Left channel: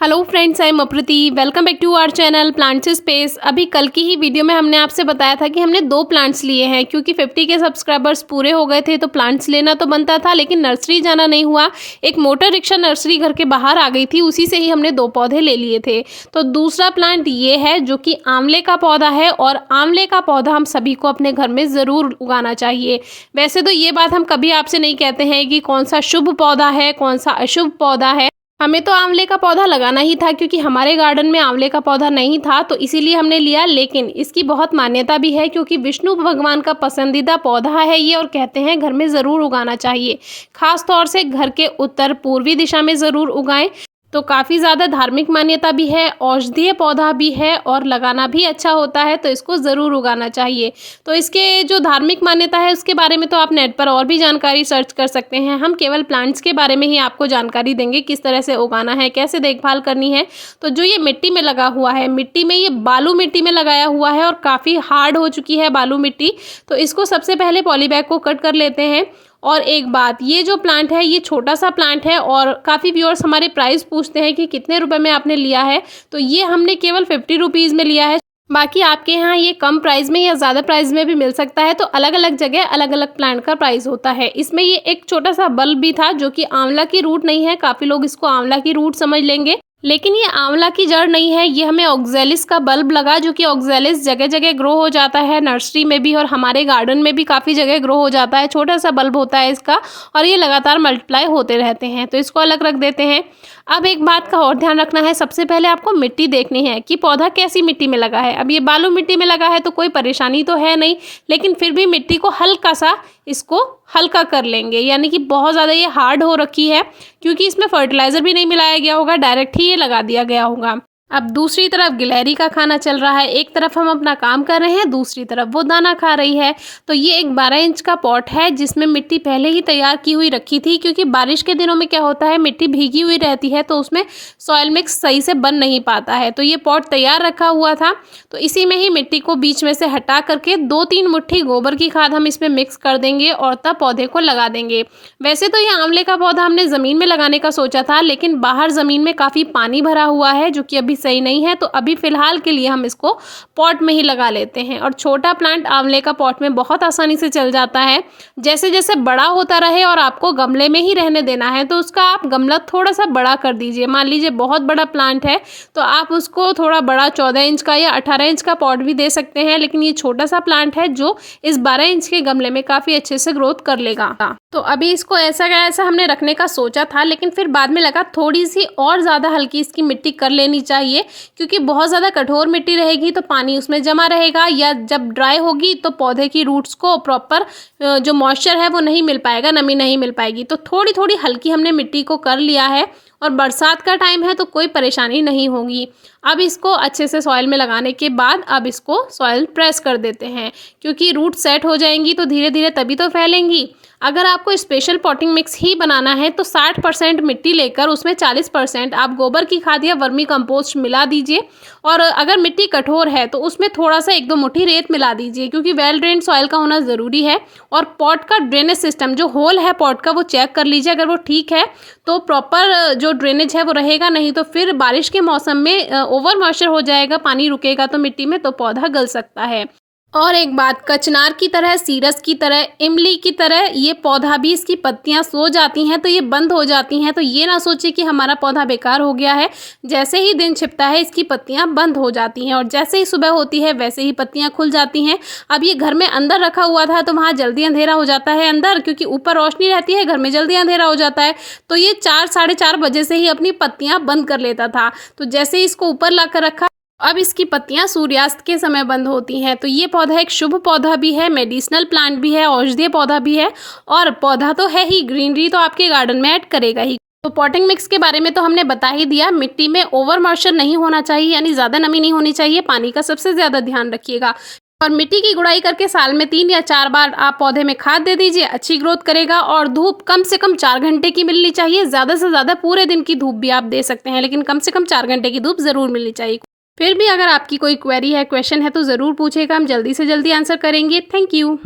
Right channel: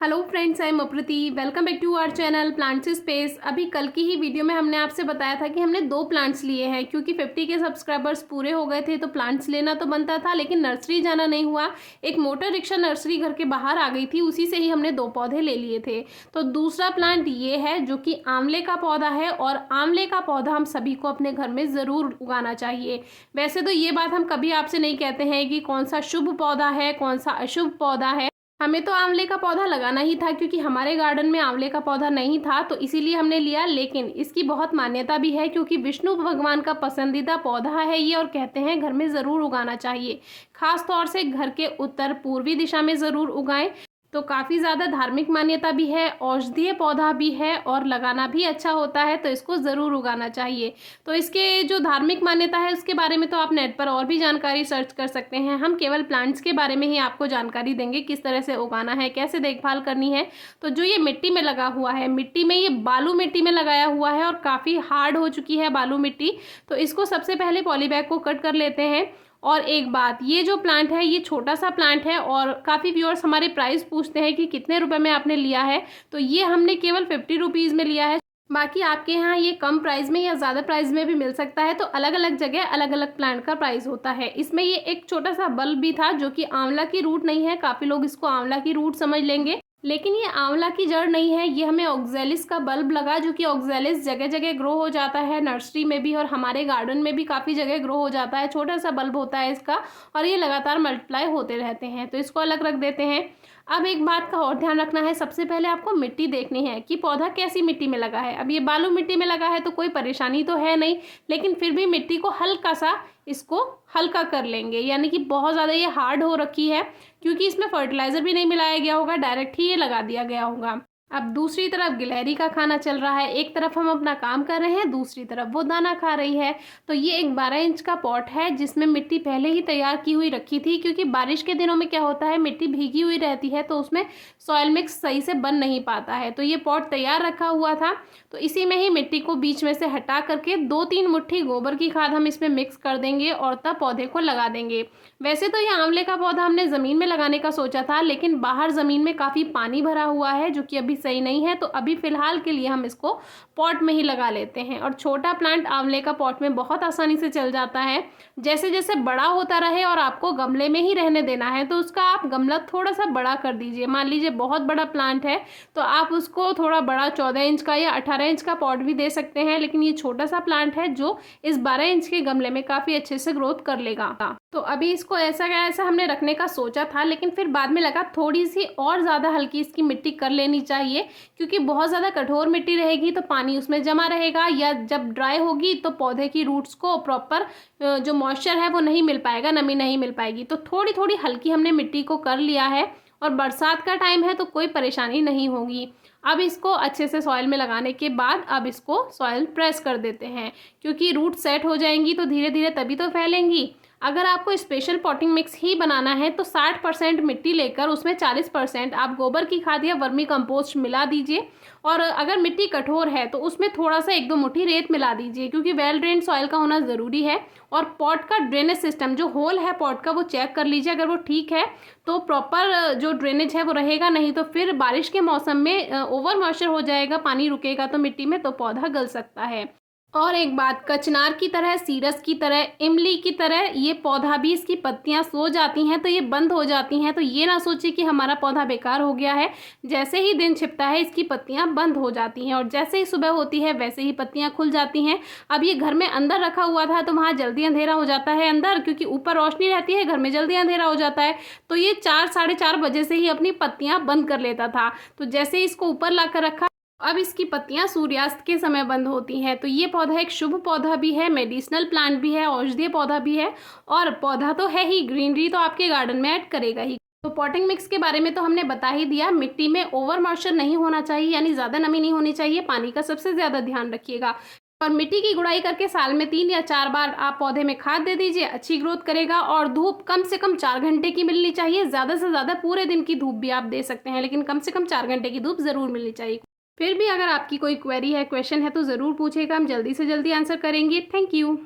Hello friends, I am Aprati. Welcome back to our channel plants space. अभी कल की ही video में हमने आपसे बताया था कि हमने 2 प्लांट्स लिए हैं क्योंकि 50 के सब्सक्राइबर्स पूरे हो गए थे तो प्लांट्स लेना तो बनता था, लेकिन नर्सरी जाना नहीं हुआ। एक मोटर रिक्शा नर्सरी घर के बाहर आ गई थी, उसी से ही हमने 2 पौधे ले लिए थे। तो दूसरा प्लांट ये है जो कि आंवले का पौधा है, और आंवले का पौधा हम सभी को अपने घर में ज़रूर उगाना चाहिए। वैसे तो ये बात हम कभी आपसे नहीं कहते हैं कि कौन सा शुभ पौधा है, कौन सा अशुभ पौधा है। हमें तो आंवले का पौधा लगाना ही था क्योंकि हमारे गार्डन में आंवले का पौधा नहीं था, तो इसीलिए हमने लिया। लेकिन इसकी बहुत मान्यता भी है क्योंकि विष्णु भगवान का पसंदीदा पौधा है ये, और कहते हैं घर में ज़रूर उगाना चाहिए। खास तौर से घर के उत्तर पूर्वी दिशा में ज़रूर उगाएं। तो काफ़ी ज़्यादा धार्मिक मान्यता भी है, औषधीय पौधा भी है और लगाना भी अच्छा होता है, तो इसको ज़रूर उगाना चाहिए। तो इसके जो धार्मिक मान्यता है उसके बारे में तो आप नेट पर और भी जानकारी सर्च कर सकते हैं। हम केवल प्लांट्स के बारे में ही आपको जानकारी देंगे, किस तरह से उगाना है, कैसे देखभाल करनी है। तो जो ये मिट्टी में लगा हुआ है, मिट्टी में ये बालू मिट्टी में लगाया हुआ है और काफ़ी हार्ड हो चुकी है बालू मिट्टी। तो इसको सबसे पहले पॉलीबैग को कट कर लेते हैं। और एक बात, ये जो प्लांट है ये छोटा सा प्लांट है और काफ़ी व्यूअर्स हमारे प्राइस पूछते हैं कि कितने रुपए में आपने लिया है। तो ये हमने केवल 50 रुपीज़ में लिया है। बाकी आपके यहाँ ये कम प्राइस में या ज़्यादा प्राइस में भी मिल सकता है। तो अलग अलग जगह अलग अलग प्लांट का प्राइस होता है। इसमें ये एक छोटा सा बल्ब भी था जो कि आंवला की रूट नहीं है, काफ़ी लोग इसको आंवला की रूट समझ लेंगे, लेकिन ये आंवला की जड़ नहीं है। ये हमें ऑक्जेलिस का बल्ब लगा, जो कि ऑक्जेलिस जगह जगह ग्रो हो जाता है, नर्सरी में भी और हमारे गार्डन में भी काफ़ी जगह ग्रो हो जाता है। छोटा सा बल्ब होता है इसका और ये लगातार मल्टीप्लाई होते रहते हैं। तो इसको अलग रख देते हैं। अब एक बात का और ध्यान रखना है, सबसे पहले आपको मिट्टी देखनी है कि पौधा कैसी मिट्टी में लगा है। अब ये बालू मिट्टी में लगा है तो कोई परेशानी तो है नहीं, लेकिन फिर भी मिट्टी को हल्का सा इसको हल्का कर लेंगे, यानी कि बहुत ज़्यादा ये हार्ड हो रखी है क्योंकि इसमें फर्टिलाइज़र भी नहीं मिलाया गया होगा, डायरेक्ट ही ये लगा दिया गया होगा। अब दूसरी तरफ गिलहरी का खाना चल रहा है। एक तरफ हम अपना काम कर रहे हैं, दूसरी तरफ वो दाना खा रही है। तो ये एक 12 इंच का पॉट है जिसमें मिट्टी पहले ही तैयार की हुई रखी थी, क्योंकि बारिश के दिनों में क्या होता है, मिट्टी भीगी हुई रहती है तो उसमें सॉइल मिक्स सही से बन नहीं पाता है। तो ये पॉट तैयार रखा हुआ था, तो इसी में ही मिट्टी को बीच में से हटा करके 2-3 मुट्ठी गोबर की खाद हम इसमें मिक्स कर देंगे और तब पौधे को लगा देंगे। वैसे तो ये आंवले का पौधा हमने ज़मीन में लगाने का सोचा था, लेकिन बाहर ज़मीन में काफ़ी पानी भरा हुआ है जो कि अभी सही नहीं है, तो अभी फ़िलहाल के लिए हम इसको पॉट में ही लगा लेते हैं। और छोटा प्लांट आंवले का पॉट में बहुत आसानी से चल जाता है। जैसे जैसे बड़ा होता रहे और आपको गमले में ही रहने देना है तो उसका आप गमला थोड़ा सा बड़ा कर दीजिए। मान लीजिए बहुत बड़ा प्लांट है तो आप उसको थोड़ा बड़ा 14 इंच का या 18 इंच का पॉट भी दे सकते हैं, लेकिन ये छोटा सा प्लांट है जो इस 12 इंच के गमले में काफ़ी अच्छे से ग्रोथ कर लेगा। तो अभी इसको ऐसा का ऐसा हमने रखने का सोचा था, लेकिन फिर बाद में लगा थोड़ी सी और ज़्यादा हल्की इसकी मिट्टी कर लेनी चाहिए, क्योंकि बहुत ज़्यादा कठोर मिट्टी रहेगी तो पानी उसमें जमा रहेगा, या जब ड्राई होगी तो पौधे की रूट्स को प्रॉपर जो मॉइस्चर है वो नहीं मिल पाएगा, नमी नहीं मिल पाएगी। तो थोड़ी थोड़ी हल्की हमने मिट्टी को कर लिया है और बरसात का टाइम है तो कोई परेशानी नहीं होगी। अब इसको अच्छे से सॉइल में लगाने के बाद अब इसको सॉइल प्रेस कर देते हैं, क्योंकि रूट सेट हो जाएंगी तो धीरे धीरे तभी तो फैलेंगी। अगर आपको स्पेशल पॉटिंग मिक्स ही बनाना है तो 60% मिट्टी लेकर उसमें 40% आप गोबर की खाद या वर्मी कंपोस्ट मिला दीजिए, और अगर मिट्टी कठोर है तो उसमें थोड़ा सा 1-2 मुट्ठी रेत मिला दीजिए, क्योंकि वेल ड्रेन सॉइल का होना ज़रूरी है। और पॉट का ड्रेनेज सिस्टम जो होल है पॉट का वो चेक कर लीजिए, अगर वो ठीक है तो प्रॉपर जो ड्रेनेज है वो रहेगा, नहीं तो फिर बारिश के मौसम में ओवर मॉइस्चर हो जाएगा, पानी रुकेगा तो मिट्टी में तो पौधा गल सकता है। और एक बात, कचनार की तरह, सीरस की तरह, इमली की तरह ये पौधा भी, इसकी पत्तियां सो जाती हैं तो ये बंद हो जाती हैं। तो ये ना सोचे कि हमारा पौधा बेकार हो गया है। जैसे ही दिन छिपता है इसकी पत्तियां बंद हो जाती हैं और जैसे ही सुबह होती है वैसे ही पत्तियां खुल जाती हैं। अब ये घर में अंदर रखा हुआ था तो वहाँ जल्दी अंधेरा हो जाता है अंदर, क्योंकि ऊपर रोशनी रहती है, घर में जल्दी अंधेरा हो जाता है। तो ये 4-4:30 बजे से ही अपनी पत्तियाँ बंद कर लेता था। तो जैसे ही इसको ऊपर ला कर रखा, अब इसकी पत्तियां सूर्यास्त के समय बंद होती हैं। तो ये पौधा एक शुभ पौधा भी है, मेडिसिनल प्लांट भी है, औषधीय पौधा भी है, और पौधा तो है ही, ग्रीनरी तो आपके गार्डन में ऐड करेगा ही। तो पॉटिंग मिक्स के बारे में तो हमने बता ही दिया। मिट्टी में ओवर मॉइस्चर नहीं होना चाहिए, यानी ज़्यादा नमी नहीं होनी चाहिए। पानी का सबसे ज़्यादा ध्यान रखिएगा और मिट्टी की गुड़ाई करके साल में 3 या 4 बार आप पौधे में खाद दे दीजिए, अच्छी ग्रोथ करेगा। और धूप कम से कम 4 घंटे की मिलनी चाहिए, ज़्यादा से ज़्यादा पूरे दिन की धूप भी आप दे सकते हैं, लेकिन कम से कम 4 घंटे की धूप ज़रूर मिलनी चाहिए। फिर भी अगर आपकी कोई क्वेरी है, क्वेश्चन है तो ज़रूर पूछेगा, हम जल्दी से जल्दी आंसर करेंगे। Thank you.